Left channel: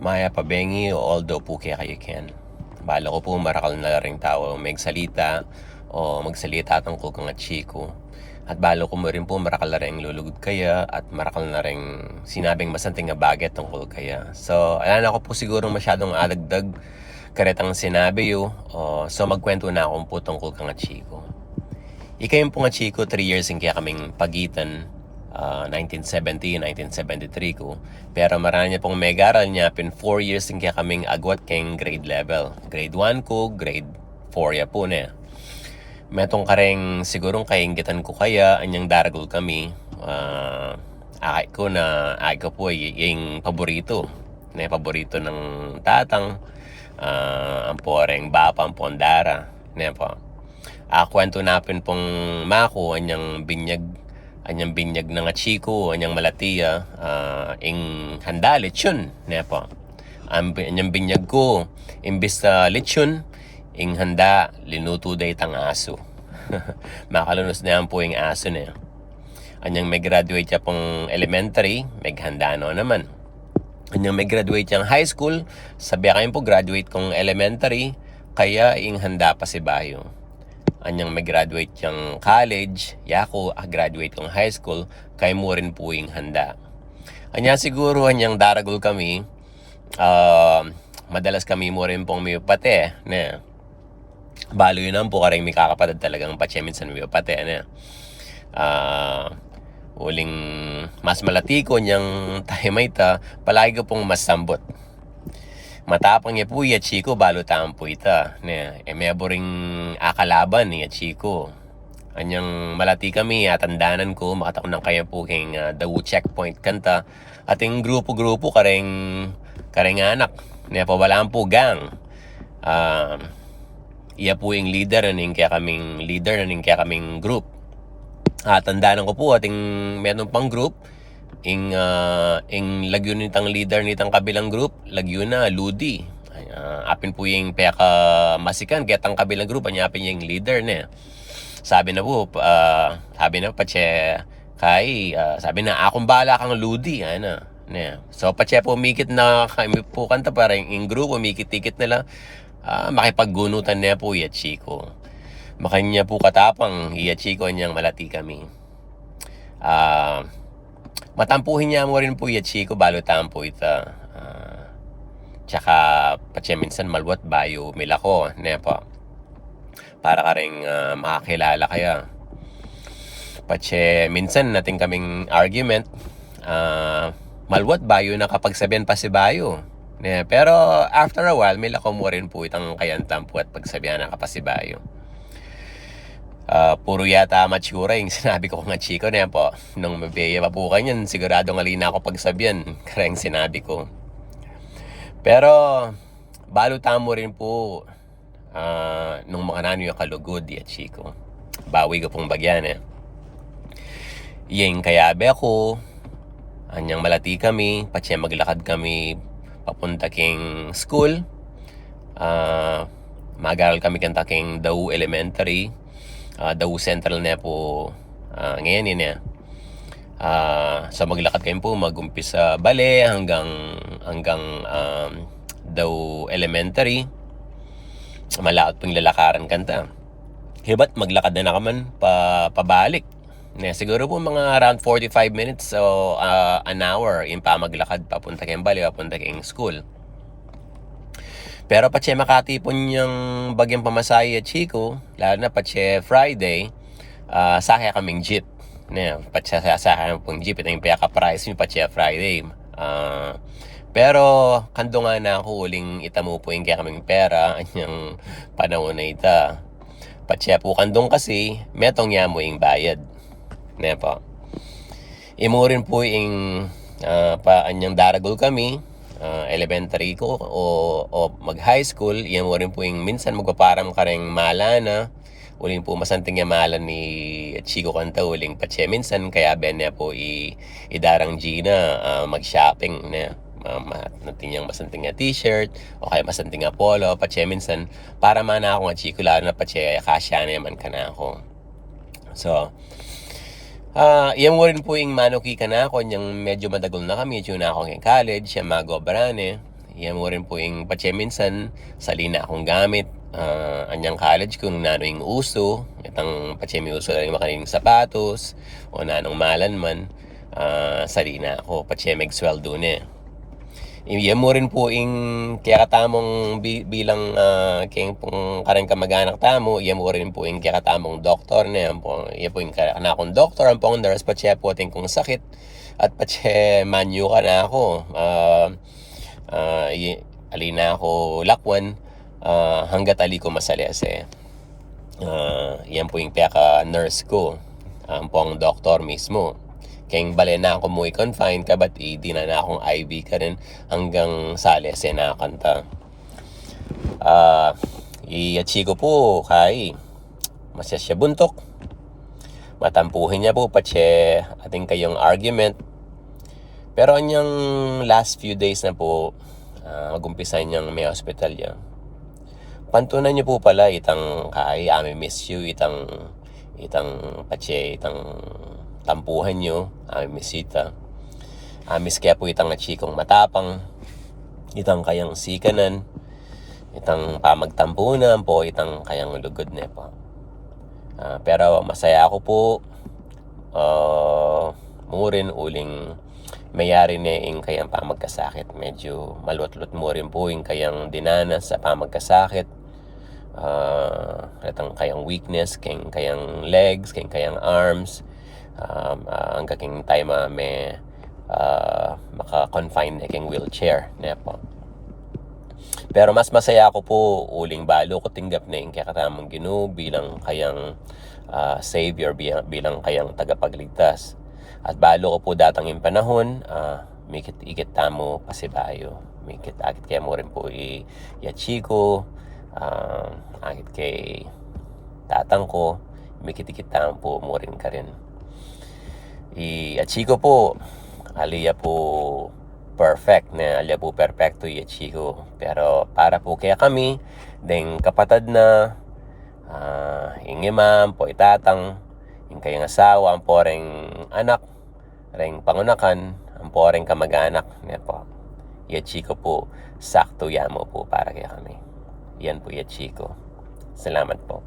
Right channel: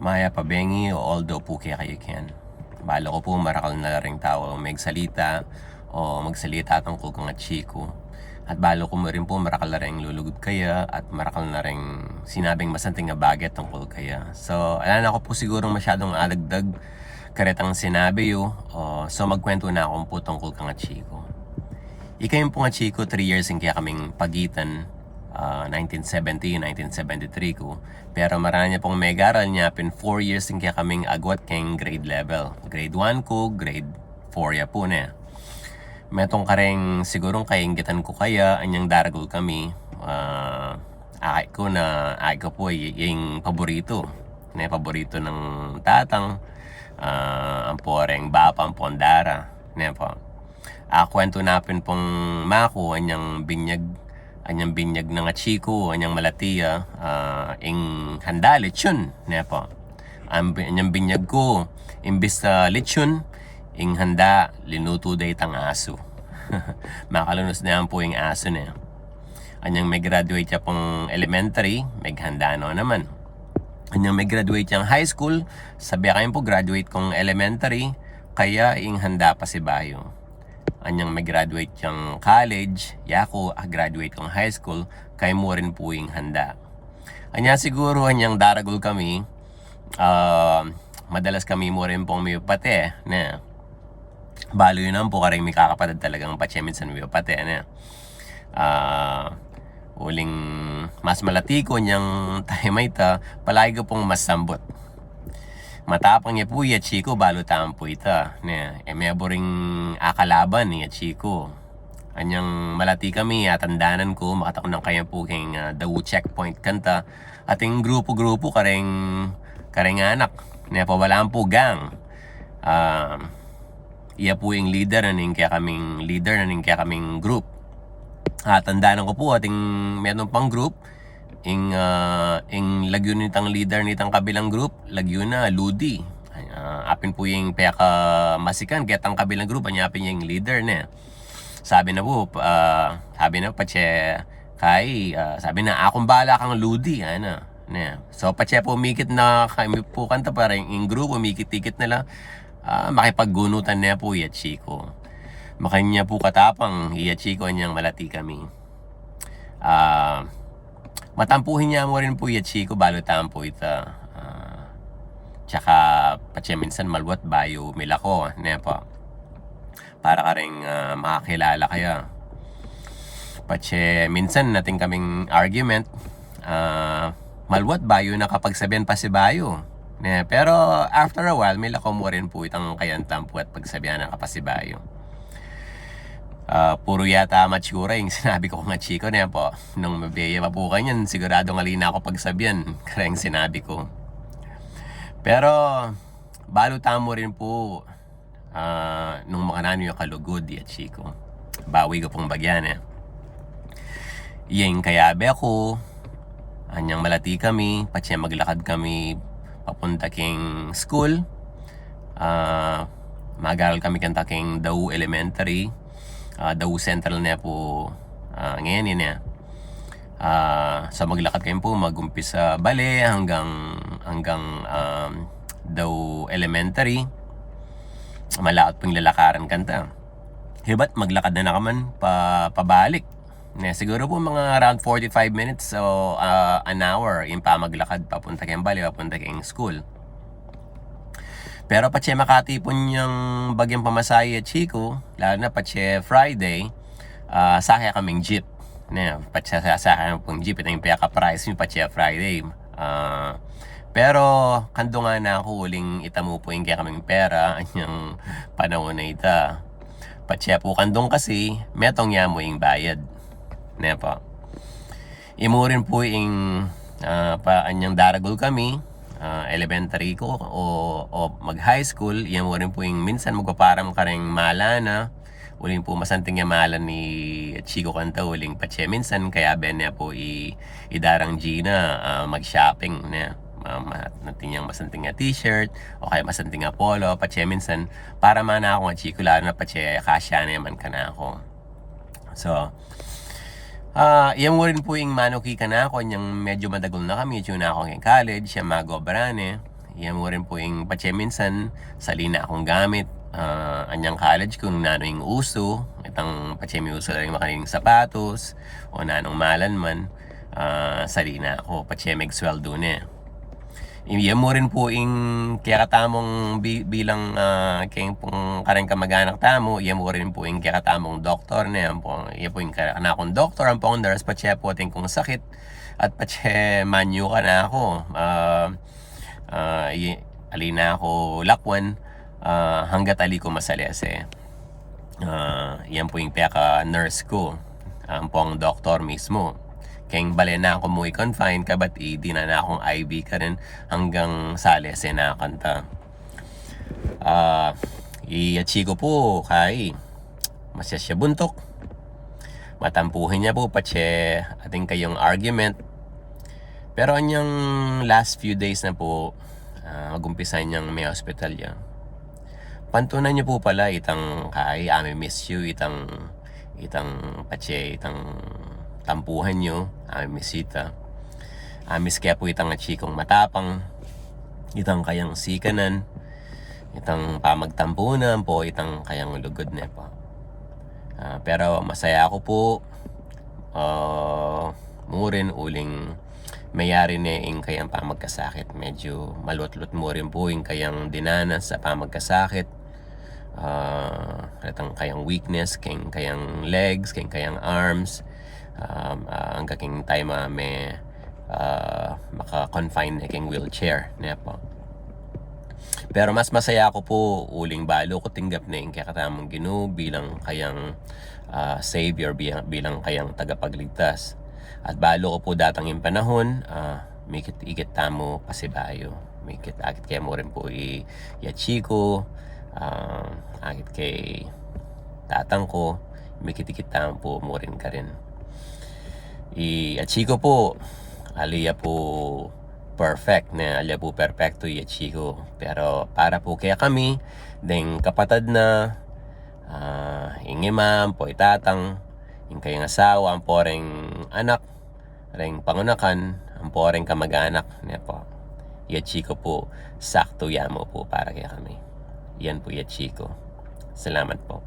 Maya pabengi o although po kaya kayo ken. Bala ko po marakal na ring tao magsalita o magsalita tungkol kang chiko. At balo ko mo rin po marakal na rin lulugod kaya at marakal na rin sinabing masanting nga bagay tungkol kaya. So, alam ako po siguro masyadong adagdag karetang sinabi yo. So, magkwento na akong po tungkol kang chiko. Ikayong po nga chiko, 3 years yung kaya kaming pagitan. 1970, 1973 ko. Pero marami niya pong megaral niya, 4 years yung kaya kaming agwat keng grade level. Grade 1 ko, grade 4 ya po na. Metong kareng sigurong kainggitan ko kaya, anyang daragol kami. Akay ko po yung paborito. Na paborito ng tatang. Ang poreng bapa, ang pondara. Na po. Kwento napin pong mako, anyang binyag ng chiko, anyang malatiya, ing handa lechon, nepo. Anyang binyag ko, imbis na lechon, ing handa linuto day tang aso. Makalunos na yan po yung aso na. Anyang may graduate siya pong elementary, may handa no naman. Anyang may graduate siyang high school, sabi kayo po graduate kong elementary, kaya ing handa pa si Bayo. Anyang may graduate yung college, yako graduate kong high school, kay mo rin po yung handa. Anya siguro anyang daragol kami, madalas kami mo rin pong miyopate, na balo yun ang po kareng may kakapatid talagang patyemin sa miyopate, na uling mas malati ko niyang tahimayta, palagi ko pong masambot. Matapang niya po iya chiko balo tampo ita. May boring akalaban niya chiko. Anyang malati kami tandanan ko makatakon ng kaya po king daw checkpoint kanta. Ating grupo-grupo kareng anak. Niya pawalaan po gang. Iya po yung leader na ning kaya kaming group. Tandanan ko po ating meron pang group. Ing lagyo nitang leader nitang kabilang group, lagyo na Ludi. Apin po yung peka masikan getang kabilang group, apin yung leader na. Sabi na po, pache kay sabi na akong bala kang Ludi, ana. So pache po mikit na kami po kanta para yung group mikit-tikit nila. Makipaggunutan na po iya chiko. Makanya po katapang iya chiko niyang malati kami. Matampuhin niya mo rin po iya chiko balo tampo ita. Tsaka patya minsan malwat bayo milako na po. Para ka rin makakilala kaya. Patya minsan natin kaming argument. Malwat bayo na kapag sabihan pa si bayo. Pero after a while milako mo rin po itang kayan tampo at pagsabihan na kapag si bayo. Puro yata matsura yung sinabi ko nga chiko na po. Nung mabeya pa po kanyan, sigurado nga lina ako pagsabihan. Kaya yung sinabi ko. Pero, balutan mo rin po nung mga nano yung kalugod ya chiko. Bawi ko pong bagyan Yung kayabe ako, anyang malati kami, patya maglakad kami papunta king school. Magaral kami kanta king Daw Elementary. Daw Central na po ngayon yun so maglakad kayo po magumpisa bale hanggang Daw Elementary. Malaot pong lalakaran kanta. Hibat maglakad na nakaman pabalik. Siguro po mga around 45 minutes o an hour yung pa maglakad papunta kayong bale, papunta kayong school. Pero patse makatipon yung bagyang pamasaya chiko, lalo na patse Friday, sakya kaming jeep. Patse sakya pong jeep, ito yung piyaka-price yung patse Friday. Pero kando nga na ako uling itamo po yung kaya kaming pera, yung panahon na ita. Patse po kandong kasi, metong yamo yung bayad. Po. Imurin po yung anyang daragol kami, elementary ko o mag high school, yan mo rin po yung minsan magpaparam ka rin malana, uling po masanting yung malan ni Chico Kanta uling patse minsan, kaya ben na po idarang Gina mag-shopping na natin yung masanting nga t-shirt o kaya masanting nga polo, patse minsan para mana ako nga Chico, lalo na patse kasya na yaman ka na ako. So yan mo rin po yung manuki ka na ako, yung medyo madagol na kami, yun na ako ng college, siya magobrane. Iya mo rin po ing patse minsan salina akong gamit, anyang college ko nung nano'y uso, itang patse mi uso ring makaning sapatos, o nanong malan man, salina ako patse megsueldo ne. Iya mo rin po ing kaya katamong bilang kayong pong kareng kamag-anak tamo, iya mo rin po ing kaya katamong doktor ne, ampong iya po ing kanakong doktor, ampong nurse patse po ting kong sakit, at patse manyo ka na ako. Alina ako lakwan, hangga't ali ko masalese. Yan po yung pinaka-nurse ko, po ang doktor mismo. Kaya bale na ako mo i-confine ka, ba't di na akong IV ka rin hanggang salese na kanta. Iachi ko po kay masya siya buntok. Matampuhin niya po patse ating kayong argument. Pero anyang last few days na po, magumpisa niyang may hospital ya. Pantunan niyo po pala itang kay miss you, itang patse, itang tampuhan niyo, misita. Miss kaya po itang chikong matapang, itang kayang sikanan, itang pamagtampunan po, itang kayang lugod na po. Pero masaya ako po, murin uling mayari na ing kayang pamagkasakit. Medyo malot-lot mo rin po ing kayang dinanas sa pamagkasakit. Itang kayang weakness, kayang legs, kayang arms, ang kaking time may maka-confine na kayang wheelchair na po. Pero mas masaya ako po uling balo ko tinggap na yung kakatamang Ginoo bilang kayang savior, bilang kayang tagapagligtas. At balo ko po datang yung panahon, mikit-ikit tamo pasibayo, mikit-akit kaya mo rin po i-yachiko, akit kay tatang ko, mikit-ikit tamo po mo rin ka rin. I-yachiko po, aliya po perfect na, aliya po perfecto i-yachiko. Pero para po kaya kami, deng kapatad na, yung imam po itatang, yung kayang asawa, ang poreng anak, ring pangunakan, ang poreng kamag-anak niya po. Yachiko po, sakto yamo po para kaya kami. Yan po Yachiko. Salamat po.